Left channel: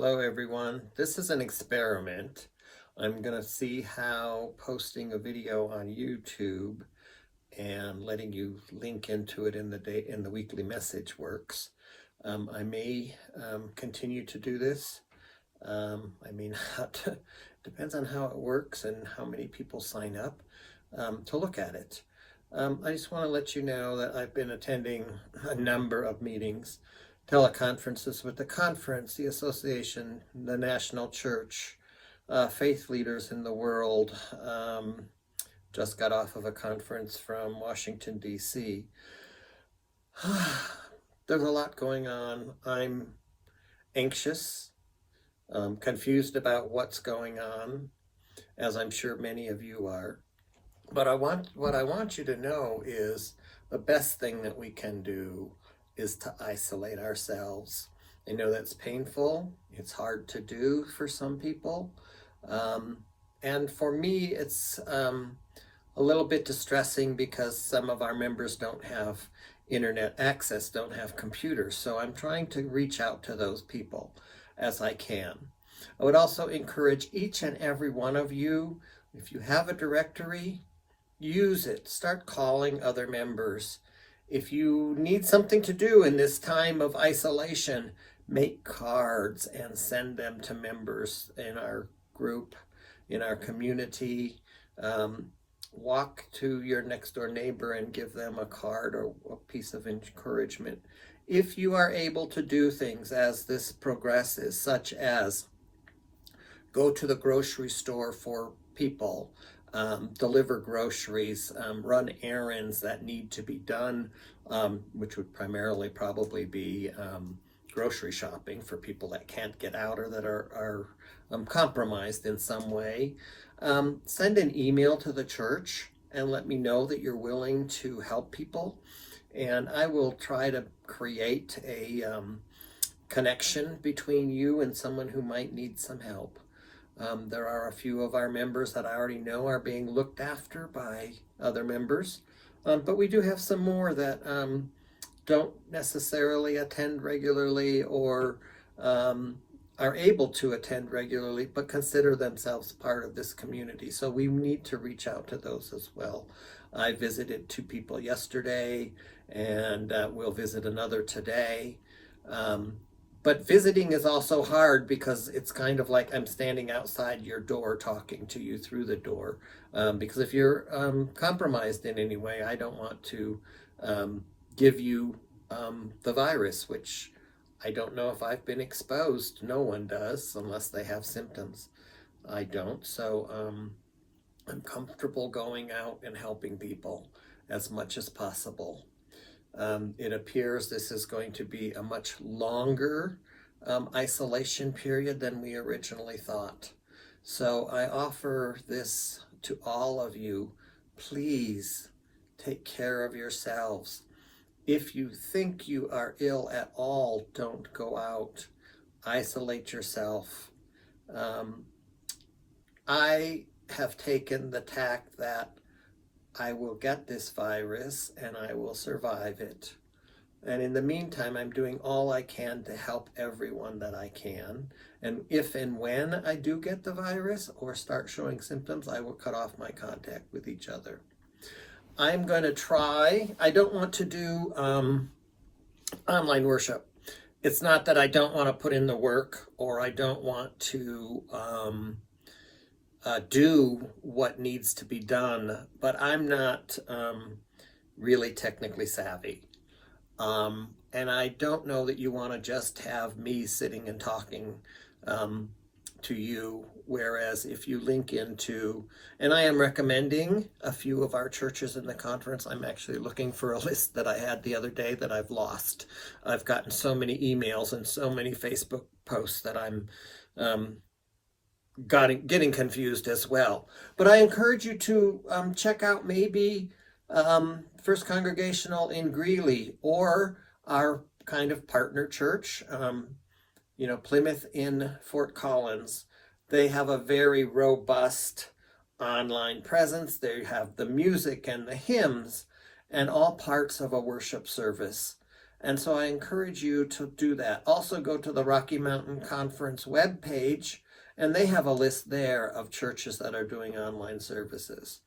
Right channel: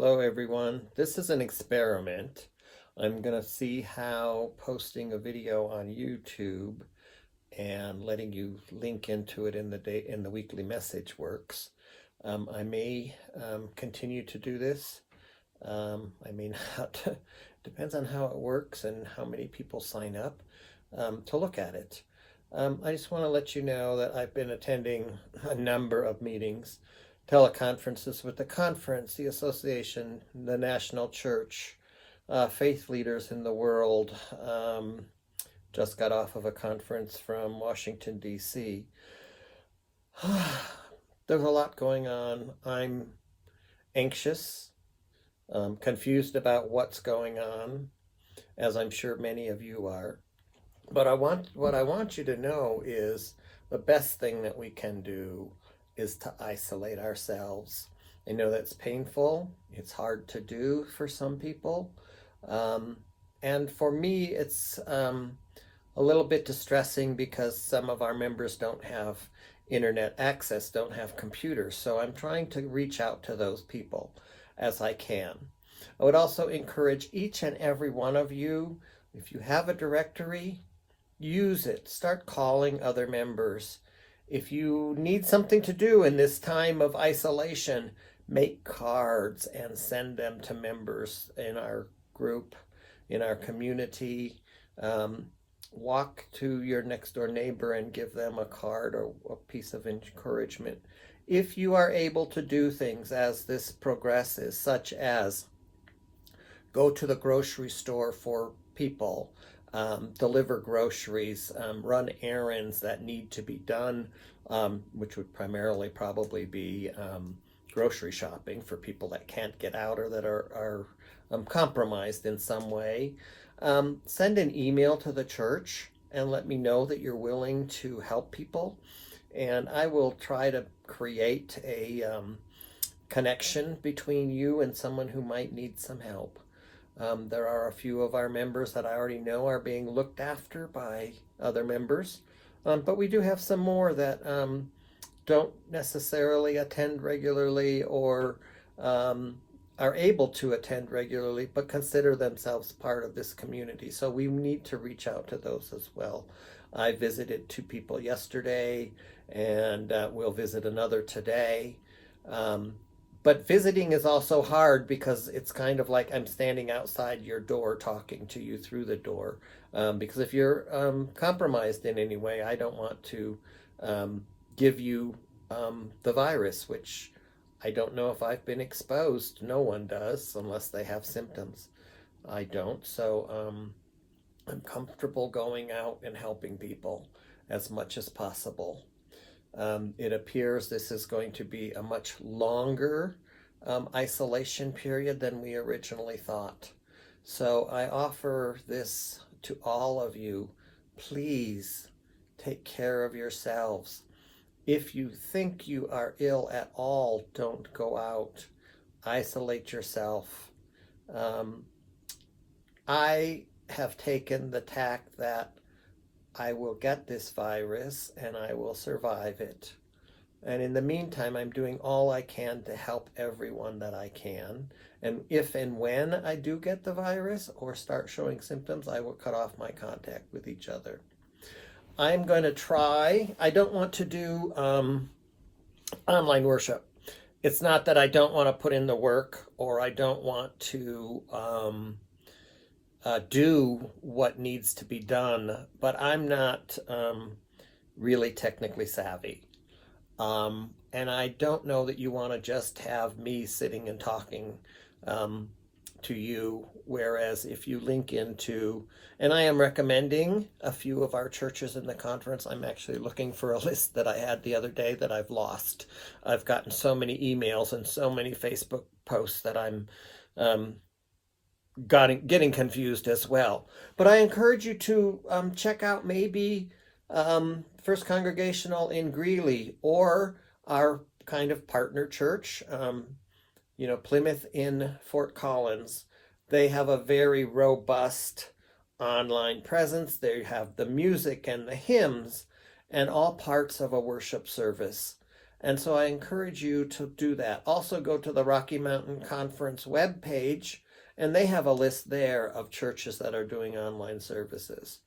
Hello everyone. This is an experiment. I'm going to see how posting a video on YouTube and letting you link into it in the weekly message works. I may continue to do this. I may not. Depends on how it works and how many people sign up to look at it. I just want to let you know that I've been attending a number of meetings, teleconferences with the conference, the association, the national church, faith leaders in the world. Just got off of a conference from Washington, D.C. There's a lot going on. I'm anxious, confused about what's going on, as I'm sure many of you are. But what I want you to know is the best thing that we can do is to isolate ourselves. I know that's painful. It's hard to do for some people. And for me, it's a little bit distressing because some of our members don't have internet access, don't have computers. So I'm trying to reach out to those people as I can. I would also encourage each and every one of you, if you have a directory, use it. Start calling other members. If you need something to do in this time of isolation, make cards and send them to members in our group, in our community. Walk to your next door neighbor and give them a card or a piece of encouragement. If you are able to do things as this progresses, such as go to the grocery store for people, deliver groceries, run errands that need to be done, which would primarily probably be grocery shopping for people that can't get out or that are compromised in some way. Send an email to the church and let me know that you're willing to help people. And I will try to create a connection between you and someone who might need some help. There are a few of our members that I already know are being looked after by other members, but we do have some more that don't necessarily attend regularly or are able to attend regularly, but consider themselves part of this community. So we need to reach out to those as well. I visited 2 people yesterday, and we'll visit another today. But visiting is also hard because it's kind of like I'm standing outside your door talking to you through the door. Because if you're compromised in any way, I don't want to give you the virus, which I don't know if I've been exposed. No one does unless they have symptoms. I don't. So I'm comfortable going out and helping people as much as possible. It appears this is going to be a much longer isolation period than we originally thought. So I offer this to all of you. Please take care of yourselves. If you think you are ill at all, don't go out. Isolate yourself. I have taken the tack that I will get this virus and I will survive it. And in the meantime, I'm doing all I can to help everyone that I can. And if and when I do get the virus or start showing symptoms, I will cut off my contact with each other. I'm going to try. I don't want to do online worship. It's not that I don't want to put in the work or I don't want to do what needs to be done, but I'm not really technically savvy. And I don't know that you want to just have me sitting and talking to you, whereas if you link into, and I am recommending a few of our churches in the conference. I'm actually looking for a list that I had the other day that I've lost. I've gotten so many emails and so many Facebook posts that I'm getting confused as well. But I encourage you to check out maybe First Congregational in Greeley or our kind of partner church, Plymouth in Fort Collins. They have a very robust online presence. They have the music and the hymns and all parts of a worship service. And so I encourage you to do that. Also go to the Rocky Mountain Conference webpage, and they have a list there of churches that are doing online services.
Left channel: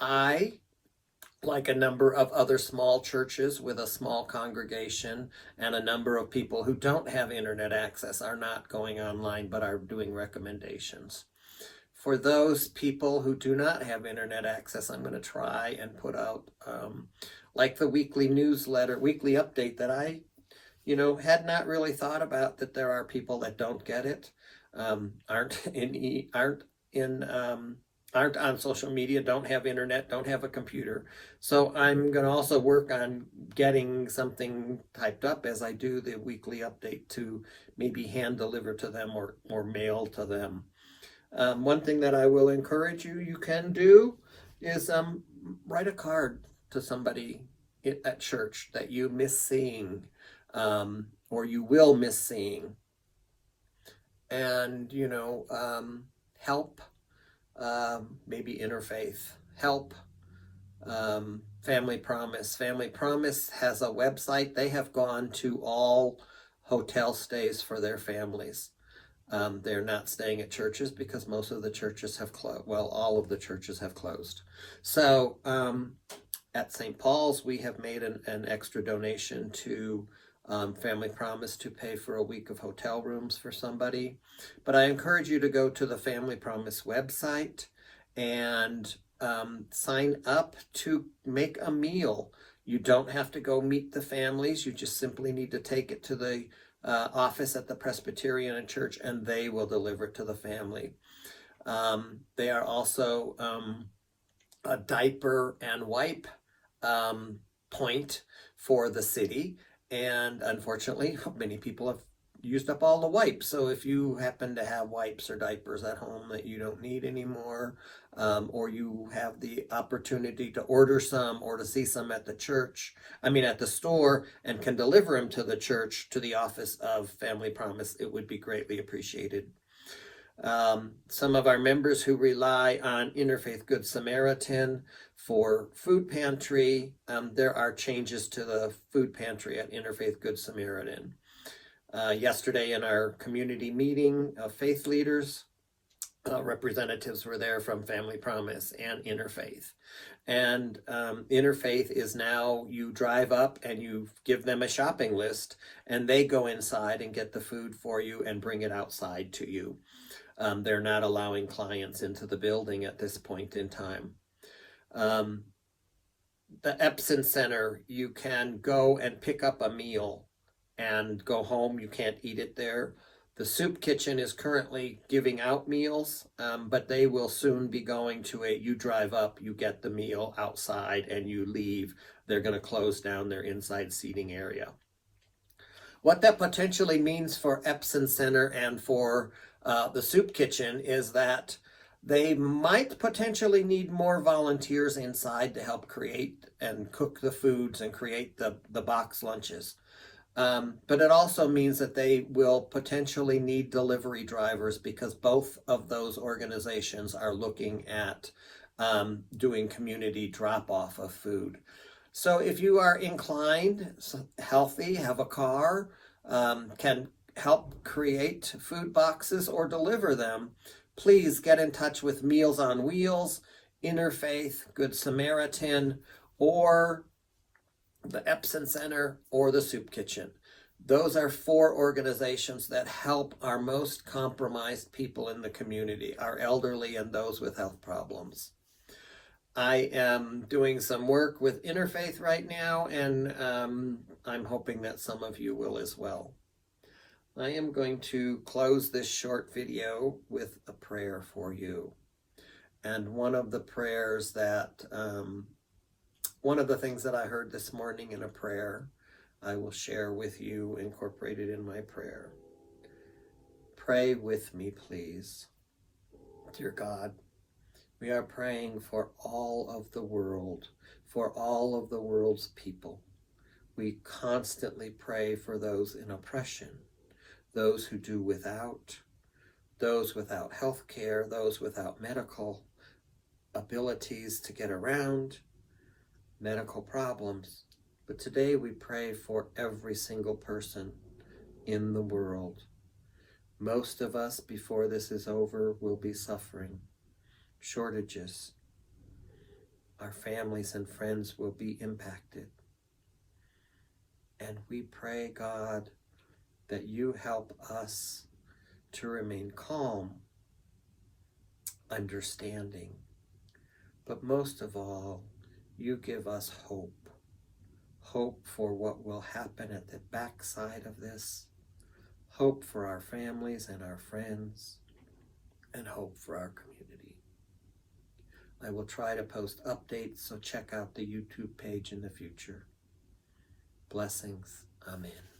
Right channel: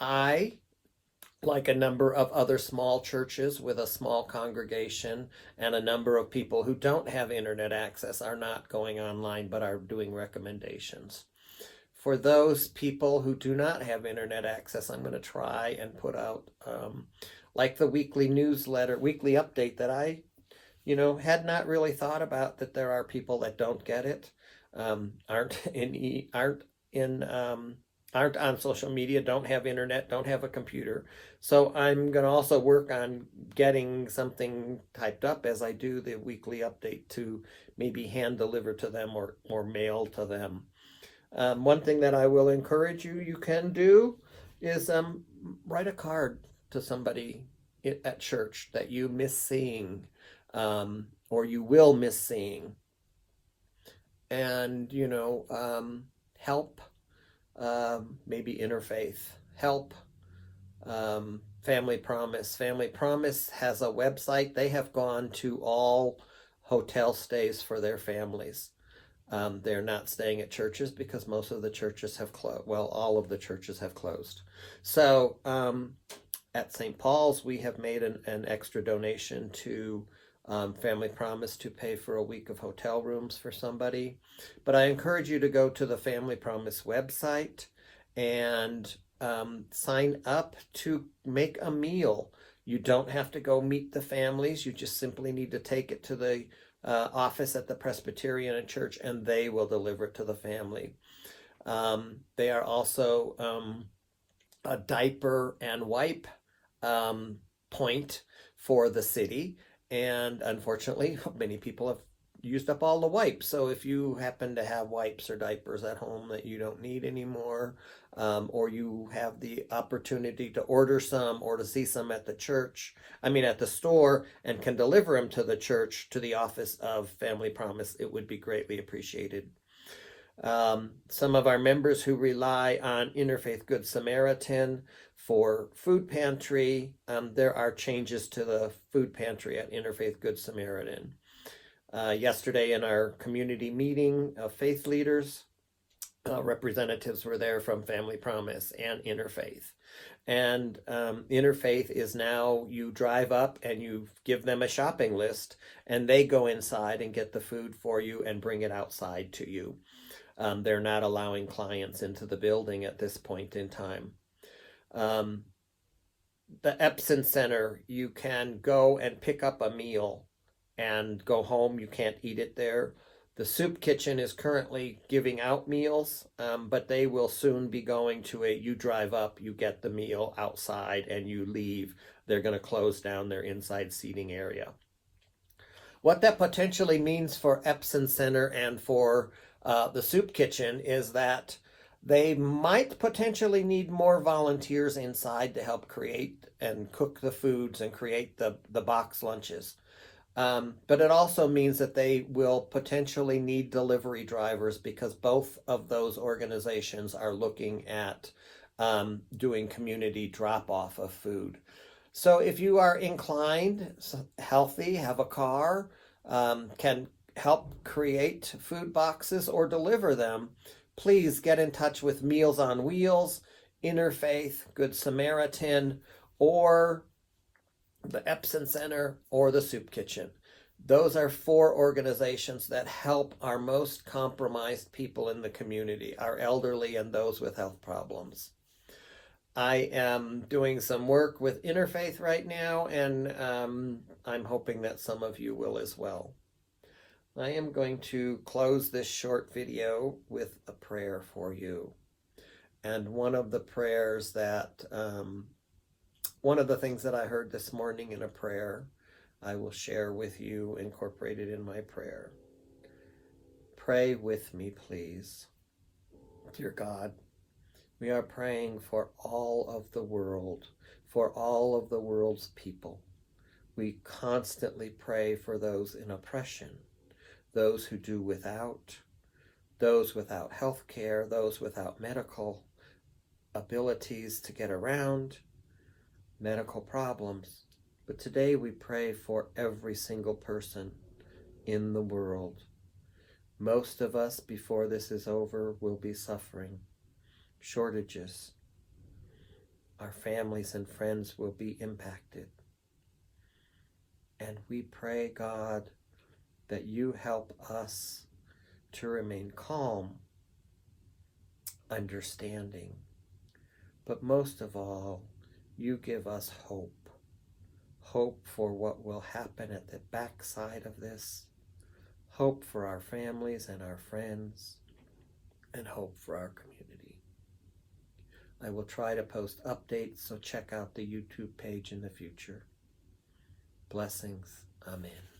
I, like a number of other small churches with a small congregation and a number of people who don't have internet access, are not going online but are doing recommendations. For those people who do not have internet access, I'm going to try and put out like the weekly newsletter, weekly update that I, had not really thought about, that there are people that don't get it, aren't on social media, don't have internet, don't have a computer. So I'm going to also work on getting something typed up as I do the weekly update to maybe hand deliver to them or mail to them. One thing that I will encourage you can do is write a card to somebody at church that you miss seeing, or you will miss seeing, and help, maybe Interfaith, help, Family Promise. Family Promise has a website. They have gone to all hotel stays for their families. They're not staying at churches because most of the churches have closed. Well, all of the churches have closed. So at St. Paul's, we have made an extra donation to Family Promise to pay for a week of hotel rooms for somebody. But I encourage you to go to the Family Promise website and sign up to make a meal. You don't have to go meet the families. You just simply need to take it to the office at the Presbyterian Church, and they will deliver it to the family. They are also a diaper and wipe point for the city, and unfortunately many people have used up all the wipes. So if you happen to have wipes or diapers at home that you don't need anymore, or you have the opportunity to order some or to see some at the at the store, and can deliver them to the church, to the office of Family Promise, it would be greatly appreciated. Some of our members who rely on Interfaith Good Samaritan for food pantry, there are changes to the food pantry at Interfaith Good Samaritan. Yesterday in our community meeting of faith leaders, representatives were there from Family Promise and Interfaith. And Interfaith is now, you drive up and you give them a shopping list, and they go inside and get the food for you and bring it outside to you. They're not allowing clients into the building at this point in time. The Epson Center, you can go and pick up a meal and go home. You can't eat it there. The Soup Kitchen is currently giving out meals, but they will soon be going to you drive up, you get the meal outside, and you leave. They're going to close down their inside seating area. What that potentially means for Epson Center and for the Soup Kitchen is that they might potentially need more volunteers inside to help create and cook the foods and create the box lunches. But it also means that they will potentially need delivery drivers, because both of those organizations are looking at doing community drop-off of food. So if you are inclined, healthy, have a car, can help create food boxes or deliver them, please get in touch with Meals on Wheels, Interfaith, Good Samaritan, or the Epson Center, or the Soup Kitchen. Those are 4 organizations that help our most compromised people in the community, our elderly and those with health problems. I am doing some work with Interfaith right now, and I'm hoping that some of you will as well. I am going to close this short video with a prayer for you. And one of the prayers that, one of the things that I heard this morning in a prayer, I will share with you, incorporated in my prayer. Pray with me, please. Dear God, we are praying for all of the world, for all of the world's people. We constantly pray for those in oppression, those who do without, those without health care, those without medical abilities to get around, medical problems. But today we pray for every single person in the world. Most of us, before this is over, will be suffering shortages. Our families and friends will be impacted. And we pray, God, that you help us to remain calm, understanding, but most of all, you give us hope. Hope for what will happen at the backside of this, hope for our families and our friends, and hope for our community. I will try to post updates, so check out the YouTube page in the future. Blessings. Amen.